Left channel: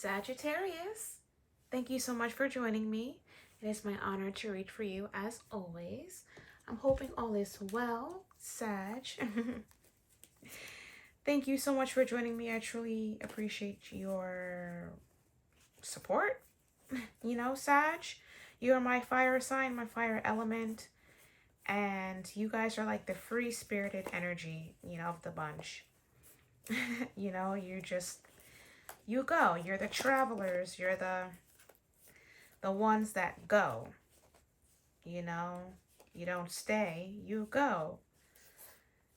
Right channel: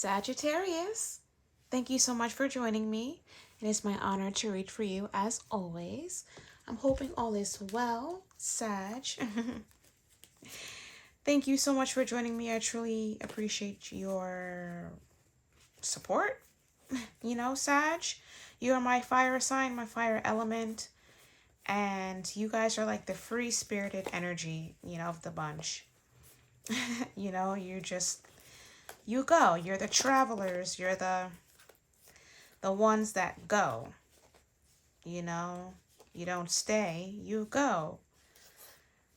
Sagittarius, thank you so much for joining me. It is my honor to read for you as always. I'm hoping all is well, Sag. Thank you so much for joining me. I truly appreciate your support. You know, Sag, you are my fire sign, my fire element, and you guys are like the free-spirited energy, of the bunch. You go. You're the travelers. You're the ones that go. You don't stay. You go.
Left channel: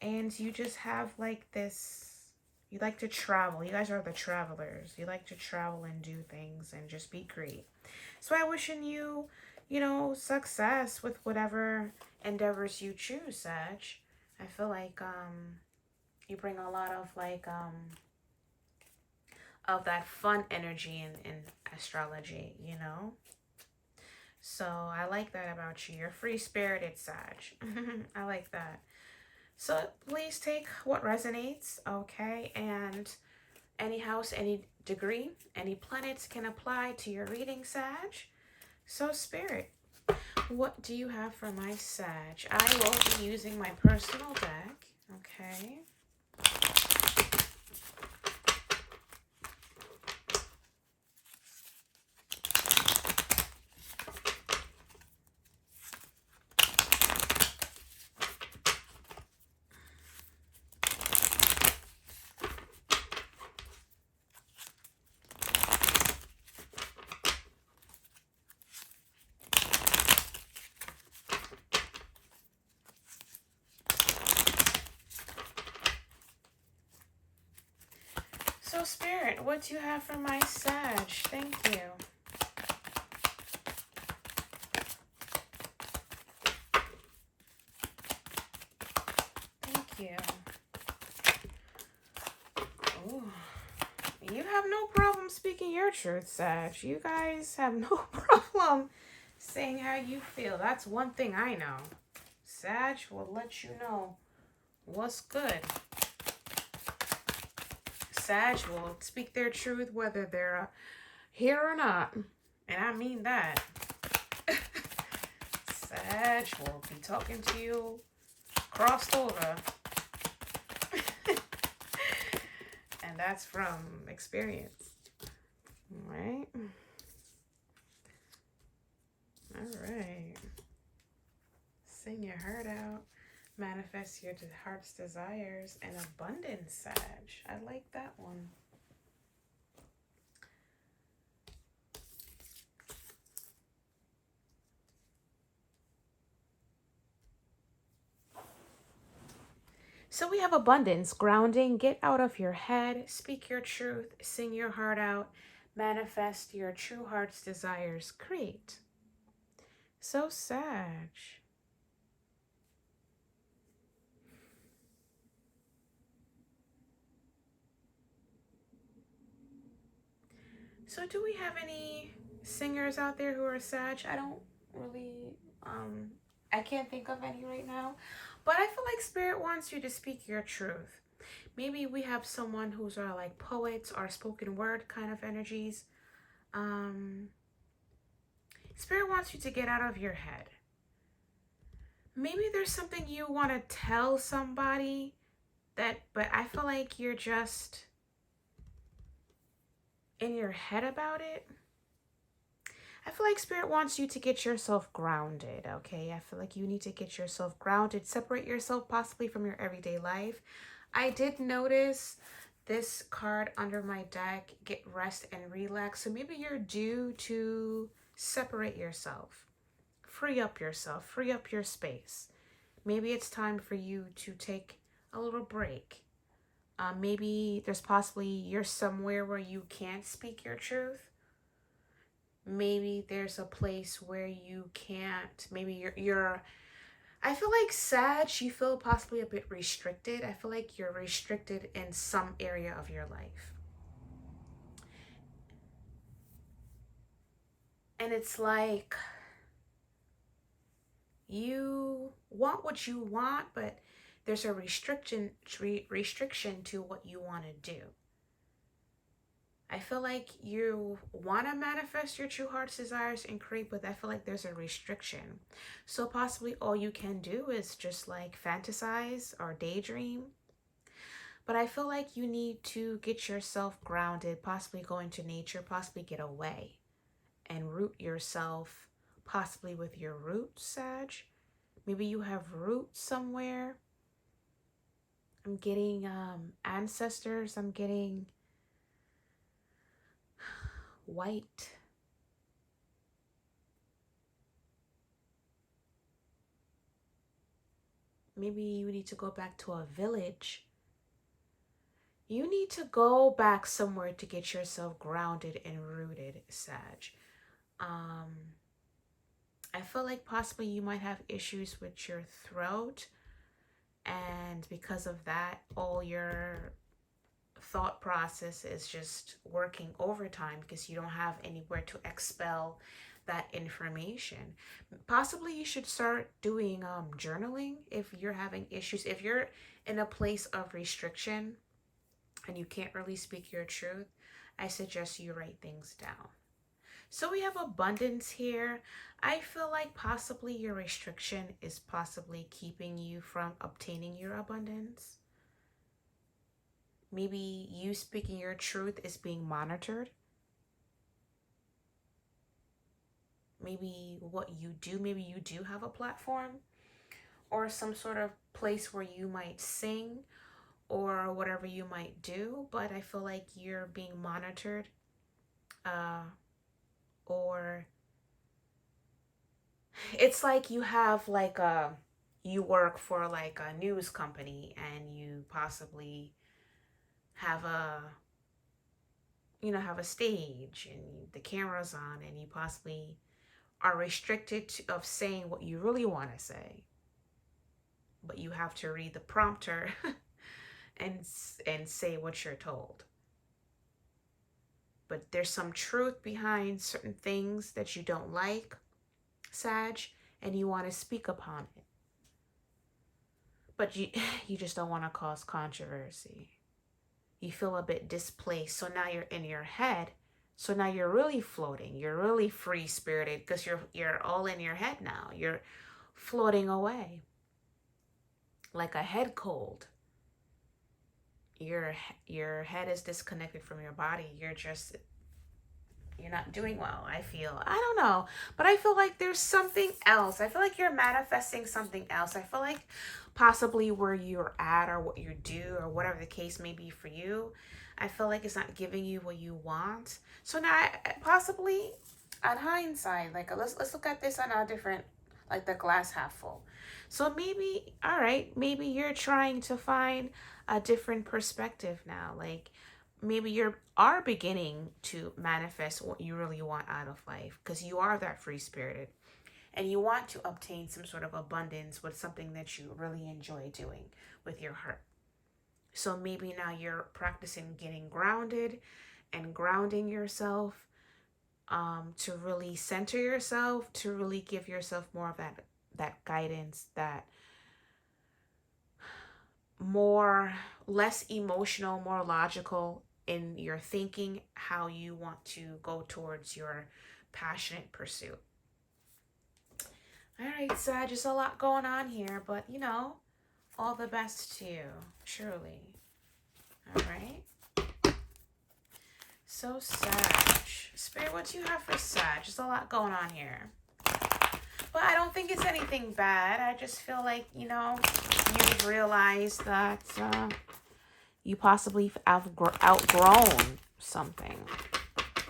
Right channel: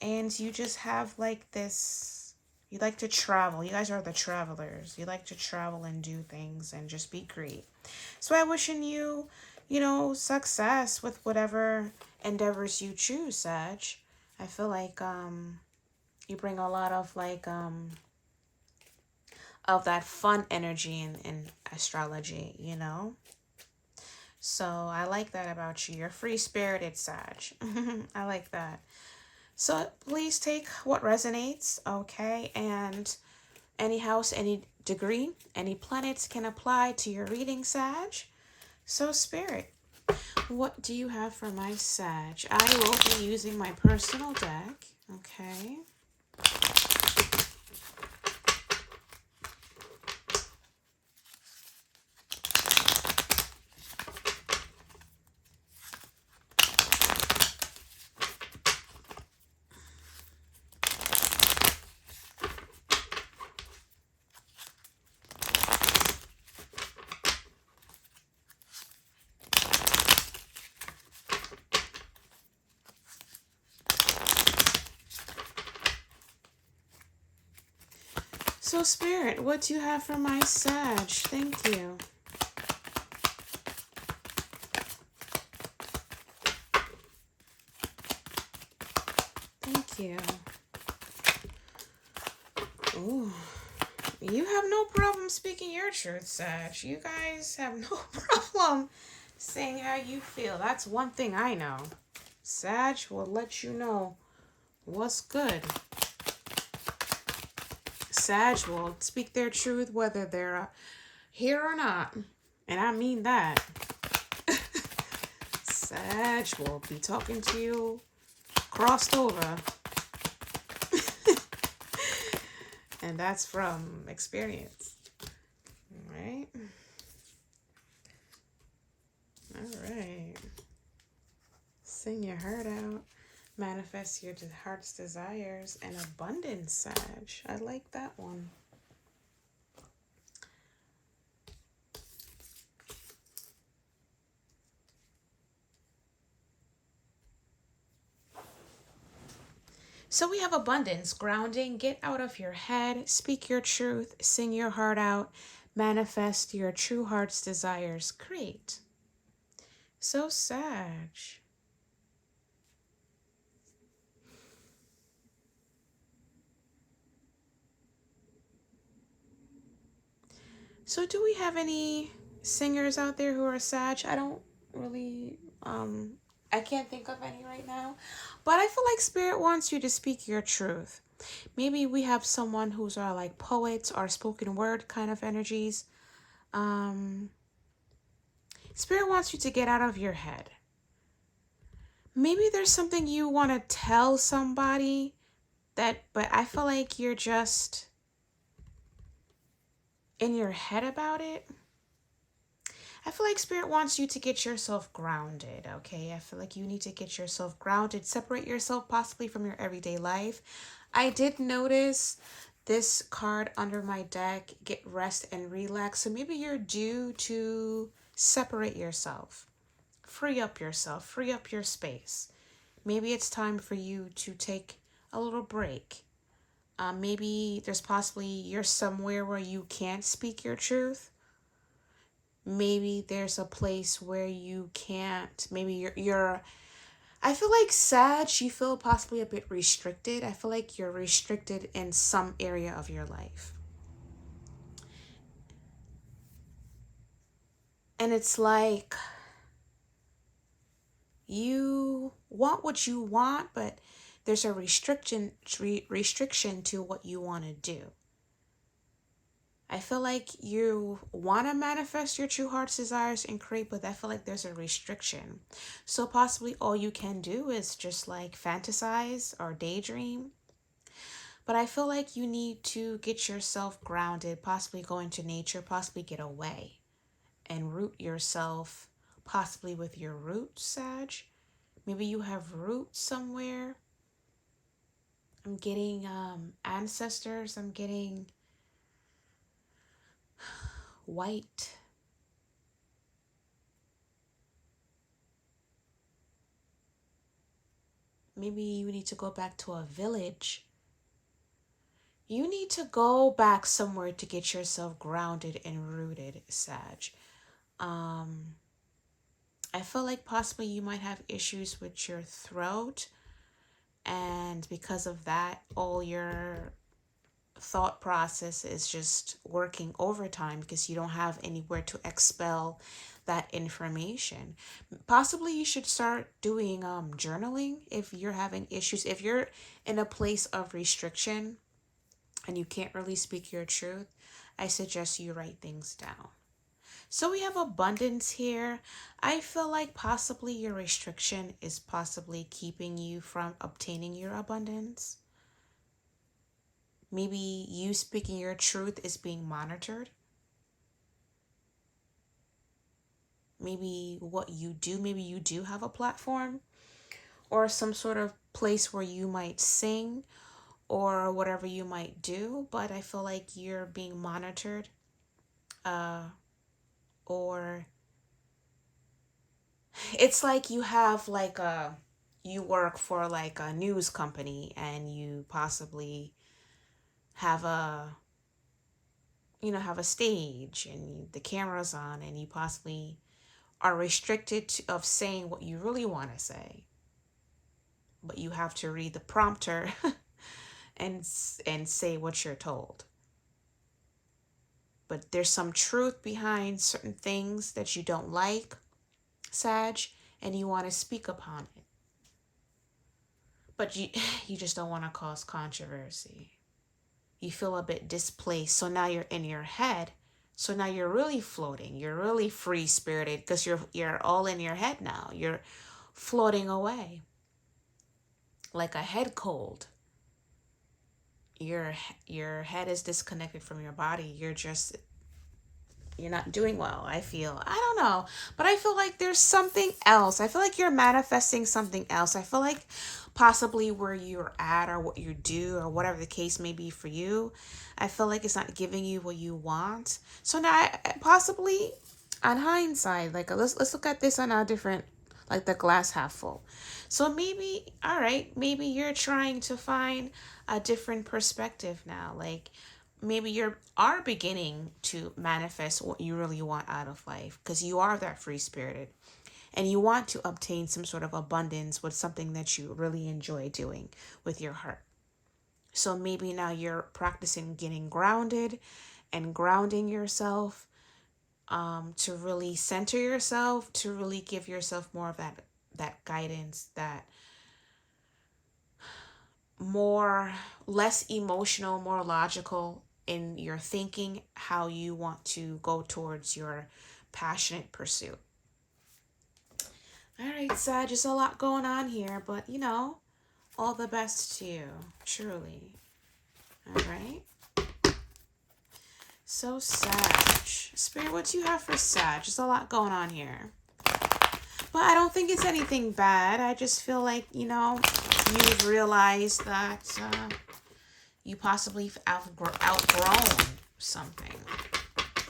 And you just have like this, you like to travel. You guys are the travelers. You like to travel and do things and just be great. So I'm wishing you, success with whatever endeavors you choose, Sag. I feel like you bring a lot of that fun energy in astrology, So I like that about you. You're free-spirited, Sag. I like that. So please take what resonates, okay? And any house, any degree, any planets can apply to your reading, Sag. So Spirit, what do you have for my Sag? I will be using my personal deck, okay? So Spirit, what do you have for my Sag? Thank you. Thank you. Ooh. You have no problem speaking your truth, Sag. You guys have no problem saying how you feel. That's one thing I know. Sag will let you know what's good. Sag will speak their truth whether they're here or not. And I mean that. Sag will be talking to you crossed over. And that's from experience. All right. All right. Sing your heart out. Manifest your heart's desires and abundance, Sag. I like that one. So we have abundance, grounding, get out of your head, speak your truth, sing your heart out, manifest your true heart's desires, create. So Sag. So do we have any singers out there who are Sag? I don't really, I can't think of any right now. But I feel like Spirit wants you to speak your truth. Maybe we have someone who's like poets or spoken word kind of energies. Spirit wants you to get out of your head. Maybe there's something you want to tell somebody but I feel like you're just in your head about it. I feel like Spirit wants you to get yourself grounded, okay? I feel like you need to get yourself grounded, separate yourself possibly from your everyday life. I did notice this card under my deck, get rest and relax. So maybe you're due to separate yourself, free up yourself, free up your space. Maybe it's time for you to take a little break. Maybe there's possibly you're somewhere where you can't speak your truth. Maybe there's a place where you can't. Maybe you're I feel like Sag, you feel possibly a bit restricted. I feel like you're restricted in some area of your life. And it's like you want what you want, but there's a restriction to what you want to do. I feel like you want to manifest your true heart's desires and create, but I feel like there's a restriction. So possibly all you can do is just like fantasize or daydream. But I feel like you need to get yourself grounded, possibly go into nature, possibly get away and root yourself, possibly with your roots, Sag. Maybe you have roots somewhere. I'm getting ancestors. I'm getting white. Maybe you need to go back to a village. You need to go back somewhere to get yourself grounded and rooted, Sag. Um, I feel like possibly you might have issues with your throat, and because of that, all your thought process is just working overtime because you don't have anywhere to expel that information. Possibly you should start doing journaling if you're having issues. If you're in a place of restriction and you can't really speak your truth, I suggest you write things down. So we have abundance here. I feel like possibly your restriction is possibly keeping you from obtaining your abundance. Maybe you speaking your truth is being monitored. Maybe what you do, maybe you do have a platform or some sort of place where you might sing or whatever you might do, but I feel like you're being monitored, or it's like you have like you work for like a news company and you possibly have have a stage and the camera's on and you possibly are restricted of saying what you really want to say, but you have to read the prompter and say what you're told. But there's some truth behind certain things that you don't like, Sag, and you want to speak upon it. But you just don't want to cause controversy. You feel a bit displaced, so now you're in your head. So now you're really floating. You're really free spirited because you're all in your head now. You're floating away like a head cold. Your head is disconnected from your body. You're not doing well. I don't know, but I feel like there's something else. I feel like you're manifesting something else. I feel like possibly where you're at or what you do or whatever the case may be for you, I feel like it's not giving you what you want. So now possibly on hindsight, like let's look at this on a different, like the glass half full. So maybe, all right, maybe you're trying to find a different perspective now. Like maybe you are beginning to manifest what you really want out of life because you are that free spirited and you want to obtain some sort of abundance with something that you really enjoy doing with your heart. So maybe now you're practicing getting grounded and grounding yourself, to really center yourself, to really give yourself more of that guidance, that more less emotional, more logical in your thinking, how you want to go towards your passionate pursuit. All right, Sag, there's a lot going on here, but all the best to you, truly. All right. So Sag, Spirit, what do you have for Sag? There's a lot going on here. But I don't think it's anything bad. I just feel like, you've realized that you possibly outgrown something.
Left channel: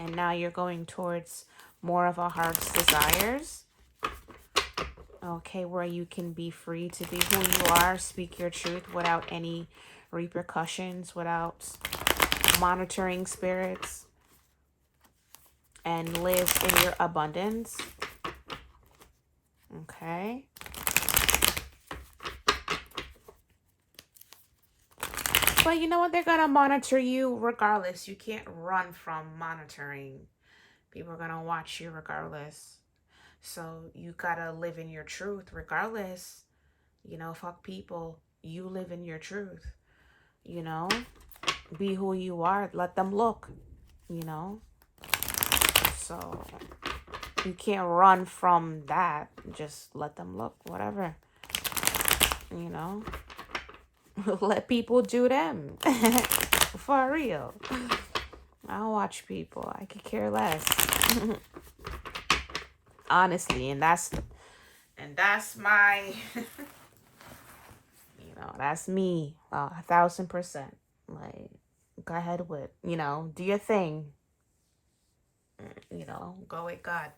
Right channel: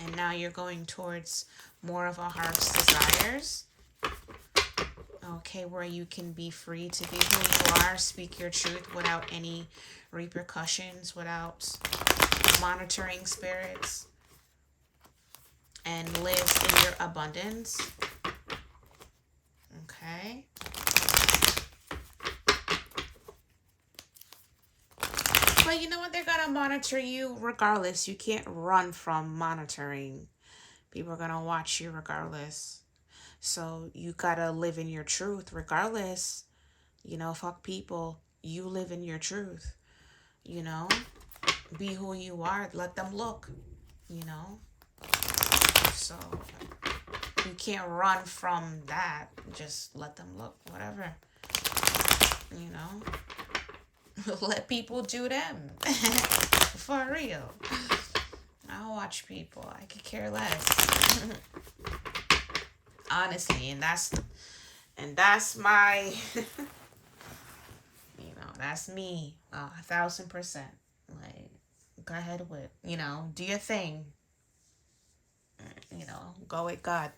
And now you're going towards more of a heart's desires. Okay, where you can be free to be who you are, speak your truth without any repercussions, without monitoring spirits, and live in your abundance. Okay. But you know what? They're going to monitor you regardless. You can't run from monitoring. People are going to watch you regardless. So you got to live in your truth regardless. Fuck people. You live in your truth. Be who you are. Let them look. you know? So you can't run from that. Just let them look, whatever, you know? Let people do them. For real. I'll watch people. I could care less. Honestly, and that's my that's me. 1,000%. Like, go ahead with, do your thing. Go with God.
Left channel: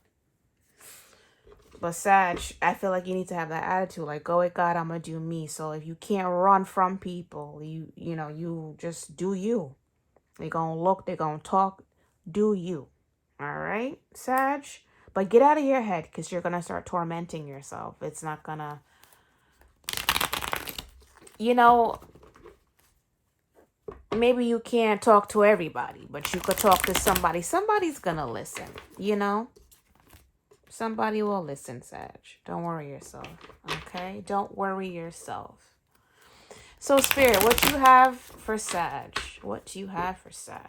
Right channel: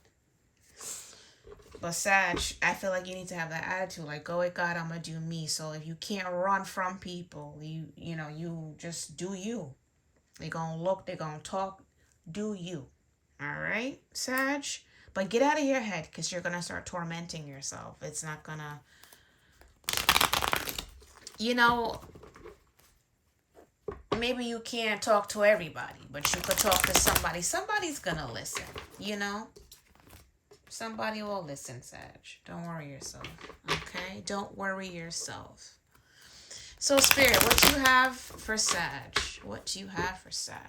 But Sag, I feel like you need to have that attitude. Like, go with God, I'm gonna do me. So if you can't run from people, you just do you. They're gonna look, they're gonna talk. Do you. All right, Sag? But get out of your head, because you're gonna start tormenting yourself. It's not gonna, maybe you can't talk to everybody, but you could talk to somebody. Somebody's gonna listen, Somebody will listen, Sag. Don't worry yourself, okay? Don't worry yourself. So, Spirit, what do you have for Sag? What do you have for Sag?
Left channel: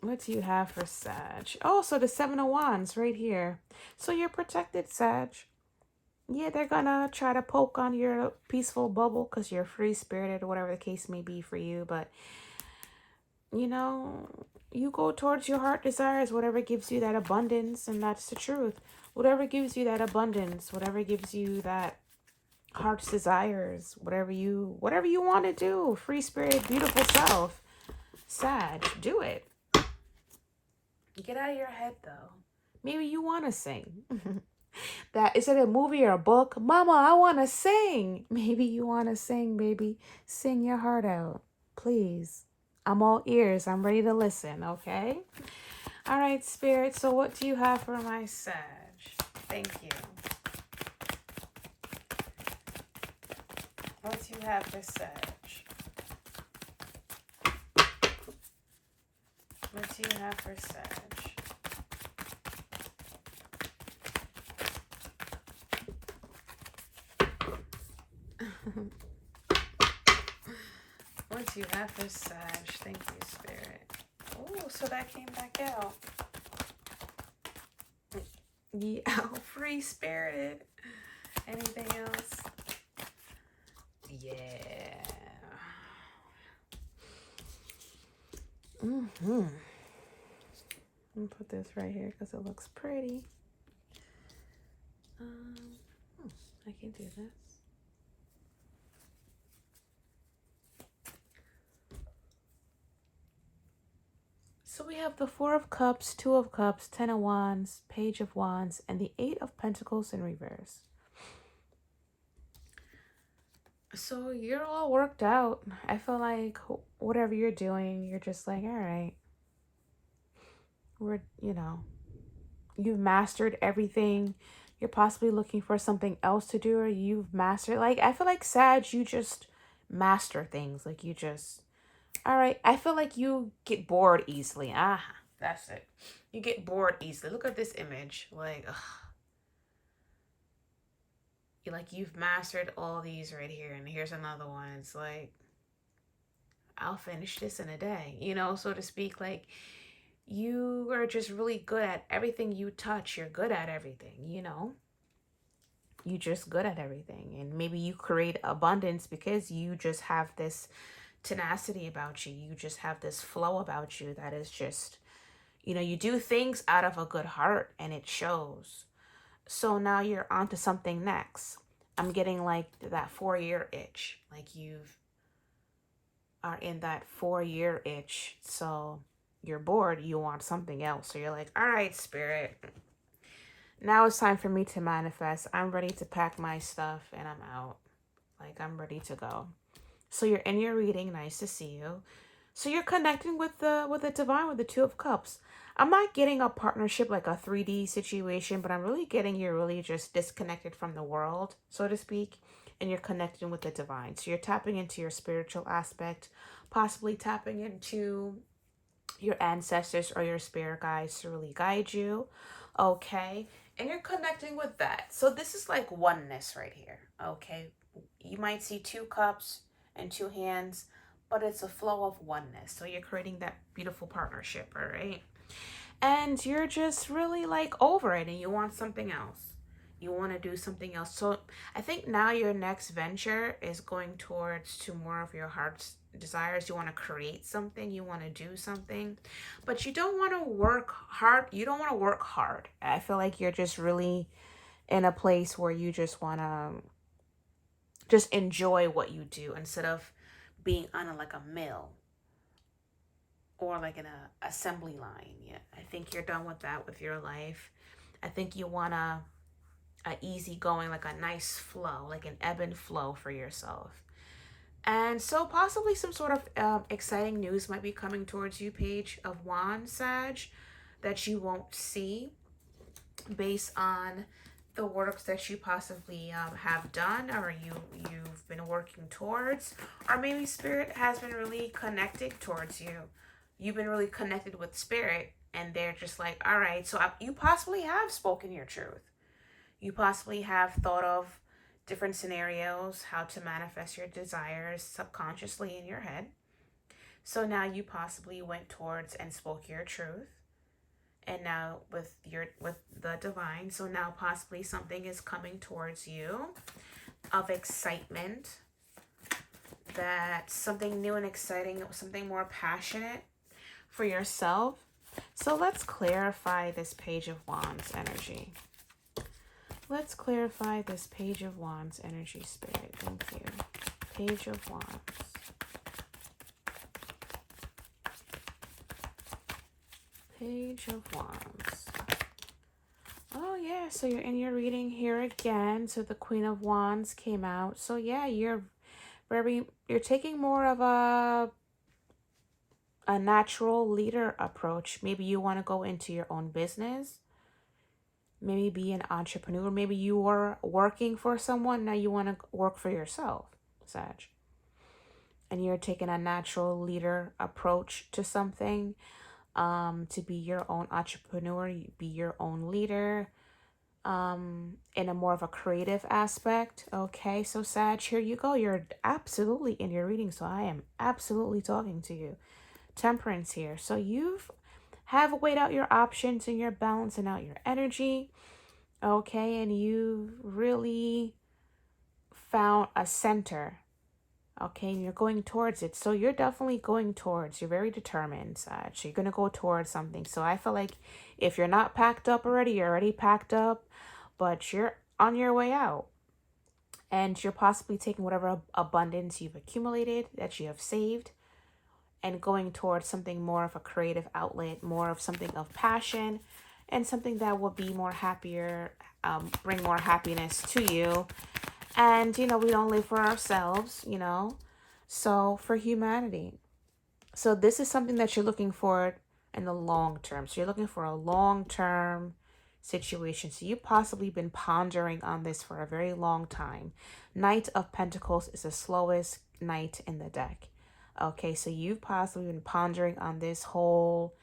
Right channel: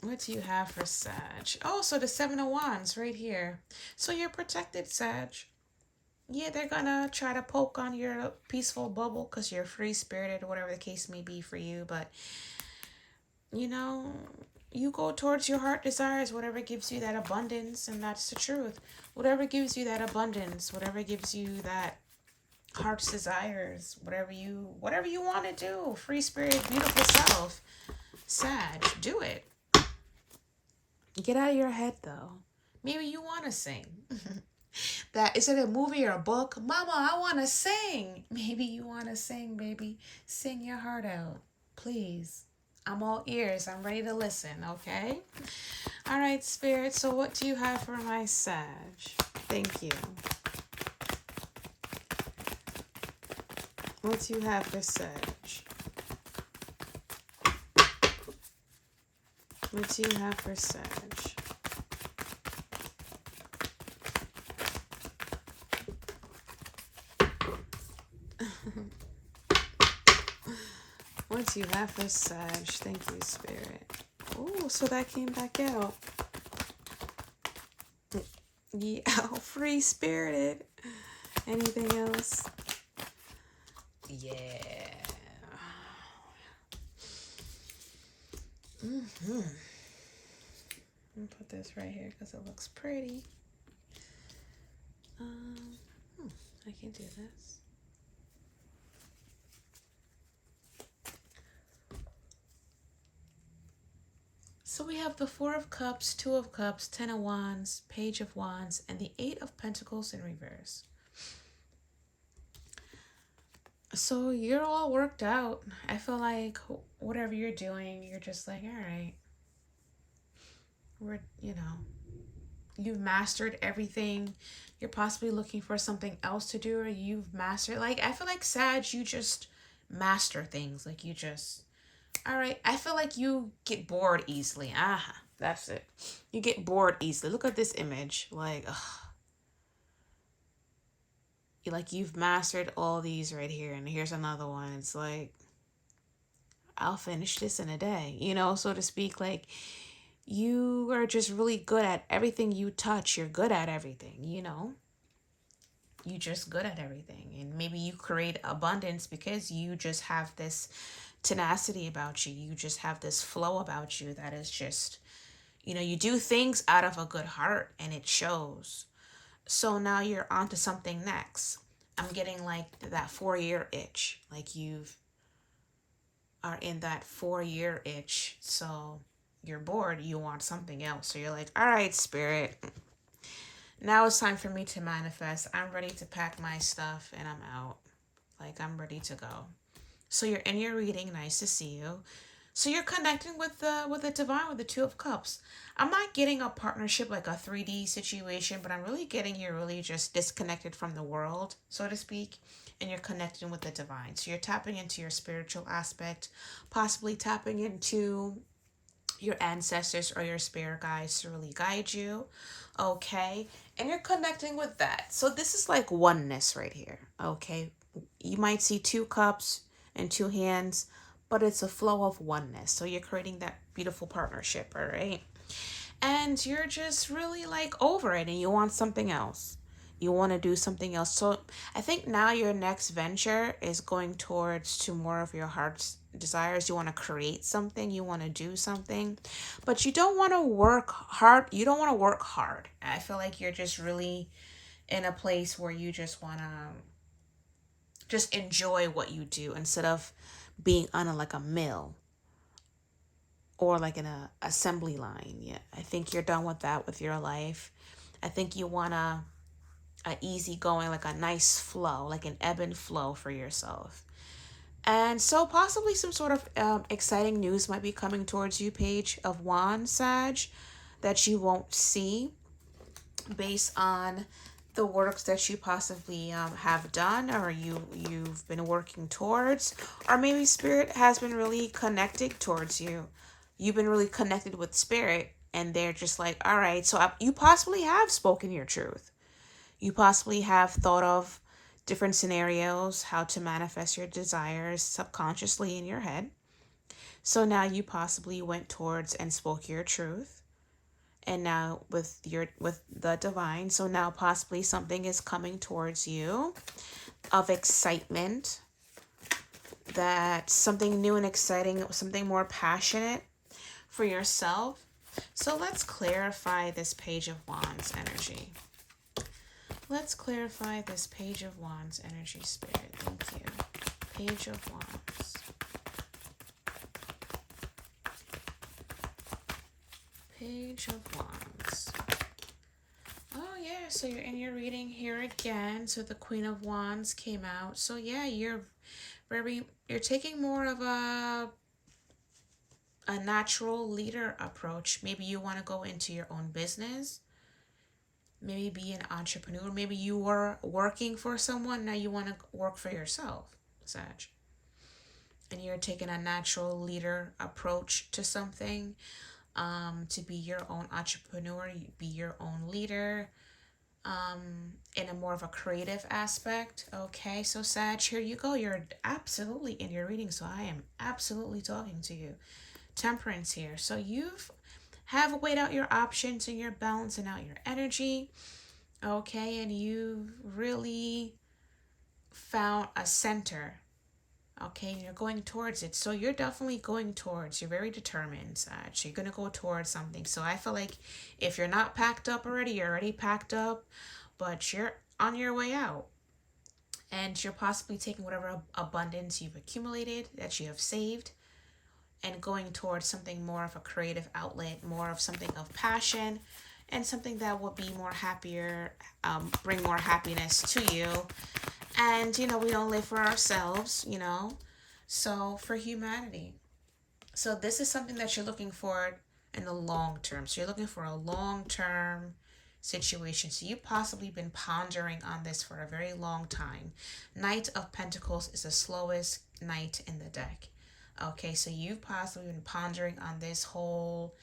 What do you have for Sag? Oh, so the Seven of Wands right here. So you're protected, Sag. Yeah, they're gonna try to poke on your peaceful bubble because you're free-spirited or whatever the case may be for you. But, you go towards your heart desires, whatever gives you that abundance, and that's the truth. Whatever gives you that abundance, whatever gives you that heart's desires, whatever you want to do, free-spirited, beautiful self, Sag, do it. Get out of your head, though. Maybe you want to sing. That is it a movie or a book? Mama, I want to sing. Maybe you want to sing, baby. Sing your heart out, please. I'm all ears. I'm ready to listen, okay? All right, Spirit. So what do you have for my Sag? Thank you. What do you have for Sag? What do you have for Sag? What do you have for Sag? Thank you, Spirit. Oh, so that came back out. Yeah, free-spirited. Anything else? Yeah. I'm gonna put this right here because it looks pretty. I can do this. So we have the Four of Cups, Two of Cups, Ten of Wands, Page of Wands, and the Eight of Pentacles in reverse. So you're all worked out. I feel like whatever you're doing, you're just like, all right. You've mastered everything. You're possibly looking for something else to do, or you've mastered. Like, I feel like Sag, you just master things. Like, you just, all right. I feel like you get bored easily. That's it. You get bored easily. Look at this image. Like, you've mastered all these right here, and here's another one. It's like, I'll finish this in a day, so to speak. Like, you are just really good at everything you touch. You're good at everything, You're just good at everything. And maybe you create abundance because you just have this tenacity about you. You just have this flow about you that is just, you do things out of a good heart and it shows. So now you're on to something next. I'm getting like that 4-year itch. Like you are in that 4-year itch. So you're bored. You want something else. So you're like, all right, Spirit. Now it's time for me to manifest. I'm ready to pack my stuff and I'm out. Like, I'm ready to go. So you're in your reading. Nice to see you. So you're connecting with the divine, with the Two of Cups. I'm not getting a partnership like a 3D situation, but I'm really getting you're really just disconnected from the world, so to speak, and you're connecting with the divine. So you're tapping into your spiritual aspect, possibly tapping into your ancestors or your spirit guides to really guide you, okay? And you're connecting with that. So this is like oneness right here, okay? You might see two cups and two hands, but it's a flow of oneness. So you're creating that beautiful partnership, all right? And you're just really like over it and you want something else. You want to do something else. So I think now your next venture is going towards to more of your heart's desires. You want to create something, you want to do something, but you don't want to work hard. You don't want to work hard. I feel like you're just really in a place where you just want to just enjoy what you do instead of being on like a mill or like in a assembly line. Yeah, I think you're done with that with your life. I think you want a easy going, like a nice flow, like an ebb and flow for yourself. And so possibly some sort of exciting news might be coming towards you, Page of Wands, Sag, that you won't see based on the works that you possibly have done or you've been working towards, or maybe spirit has been really connected towards you. You've been really connected with spirit and they're just like, all right, so you possibly have spoken your truth. You possibly have thought of different scenarios, how to manifest your desires subconsciously in your head. So now you possibly went towards and spoke your truth. And now with the divine, so now possibly something is coming towards you of excitement, that something new and exciting, something more passionate for yourself. So let's clarify this Page of Wands energy. Let's clarify this Page of Wands energy, Spirit. Thank you. Page of Wands. Page of Wands. Oh yeah, so you're in your reading here again. So the Queen of Wands came out. So yeah, you're taking more of a natural leader approach. Maybe you want to go into your own business. Maybe be an entrepreneur. Maybe you were working for someone. Now you want to work for yourself, Sag. And you're taking a natural leader approach to something. To be your own entrepreneur, be your own leader. In a more of a creative aspect. Okay, so Sag, here you go. You're absolutely in your reading. So I am absolutely talking to you. Temperance here. So you've have weighed out your options and you're balancing out your energy. Okay, and you really found a center. Okay, and you're going towards it. So you're definitely going towards, you're very determined, Sag. So you're going to go towards something. So I feel like if you're not packed up already, you're already packed up, but you're on your way out. And you're possibly taking whatever abundance you've accumulated, that you have saved, and going towards something more of a creative outlet, more of something of passion, and something that will be more happier, bring more happiness to you. And, we don't live for ourselves, so for humanity. So this is something that you're looking for in the long term. So you're looking for a long-term situation. So you've possibly been pondering on this for a very long time. Knight of Pentacles is the slowest knight in the deck. Okay, so you've possibly been pondering on this whole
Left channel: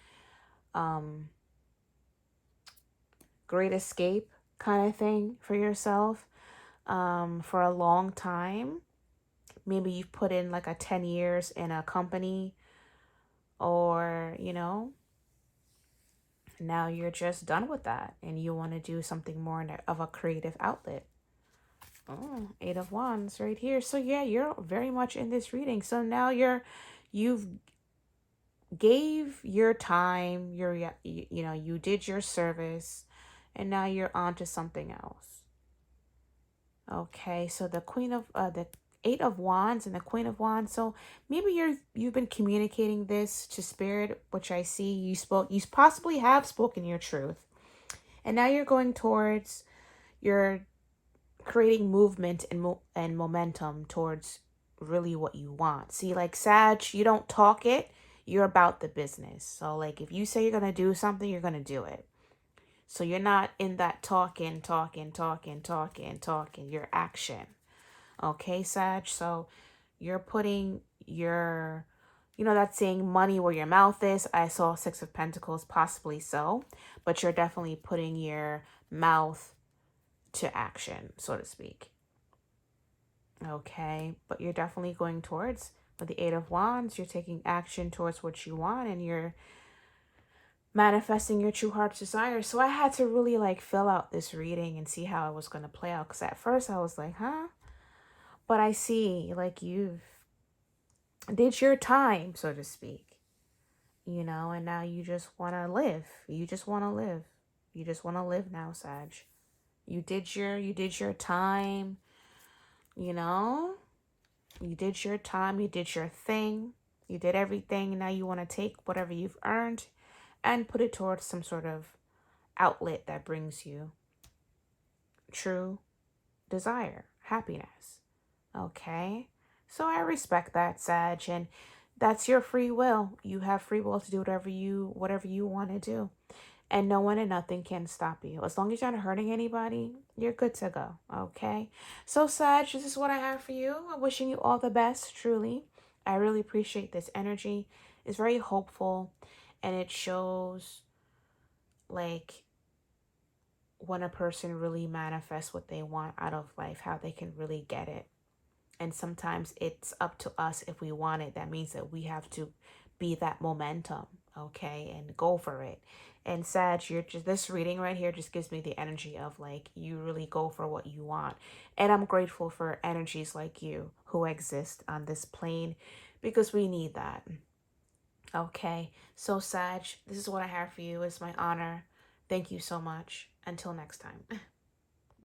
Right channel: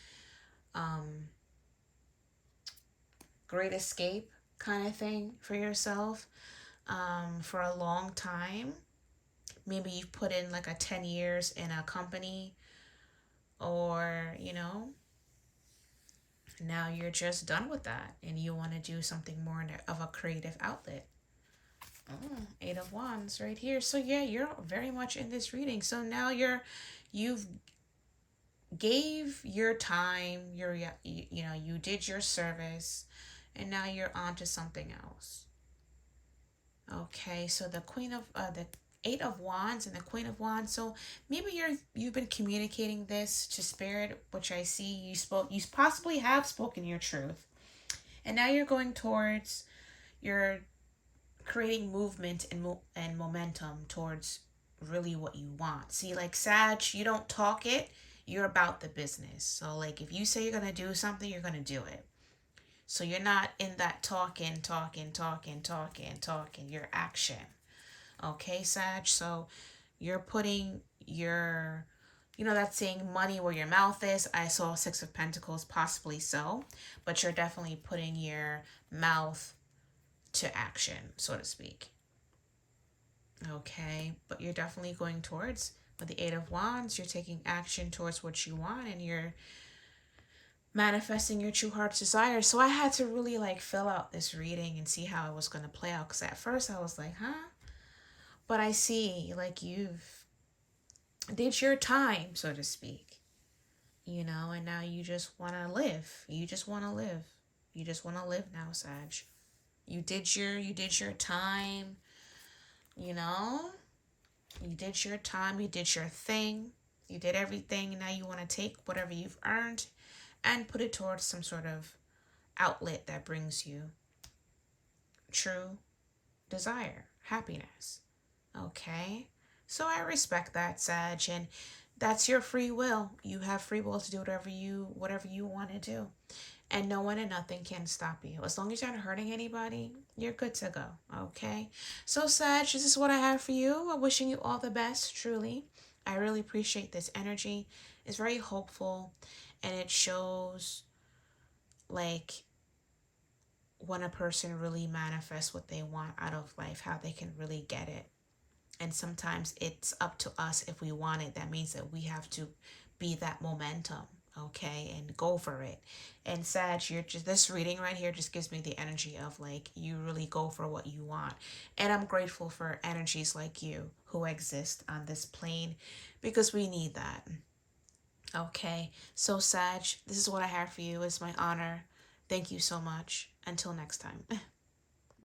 great escape kind of thing for yourself for a long time. Maybe you've put in like a 10 years in a company, or, now you're just done with that and you want to do something more of a creative outlet. Oh, Eight of Wands right here. So yeah, you're very much in this reading. So now you've gave your time, you did your service, and now you're on to something else. Okay, so the Eight of Wands and the Queen of Wands. So maybe you've been communicating this to Spirit, which I see you possibly have spoken your truth, and now you're going towards your creating movement and momentum towards really what you want. See, like Sag, you don't talk it, you're about the business. So like if you say you're going to do something, you're going to do it. So you're not in that talking, your action. Okay, Sag? So you're putting your, that saying money where your mouth is. I saw Six of Pentacles, possibly so. But you're definitely putting your mouth to action, so to speak. Okay, but you're definitely going towards, with the Eight of Wands, you're taking action towards what you want, and you're manifesting your true heart's desire. So I had to really like fill out this reading and see how it was going to play out, because at first I was like, huh? But I see like you've did your time, so to speak, and now you just want to live. You just want to live. You just want to live now, Sag. You did your time, you know? You did your time, you did your thing. You did everything. Now you want to take whatever you've earned and put it towards some sort of outlet that brings you true desire, happiness. Okay? So I respect that, Sag, and that's your free will. You have free will to do whatever you want to do. And no one and nothing can stop you. As long as you're not hurting anybody, you're good to go. Okay? So, Sag, this is what I have for you. I'm wishing you all the best, truly. I really appreciate this energy. It's very hopeful, and it shows like when a person really manifests what they want out of life, how they can really get it. And sometimes it's up to us if we want it. That means that we have to be that momentum, okay, and go for it. And Sag, you're just, this reading right here just gives me the energy of like you really go for what you want. And I'm grateful for energies like you who exist on this plane, because we need that. Okay, so Sag, this is what I have for you. It's my honor. Thank you so much. Until next time.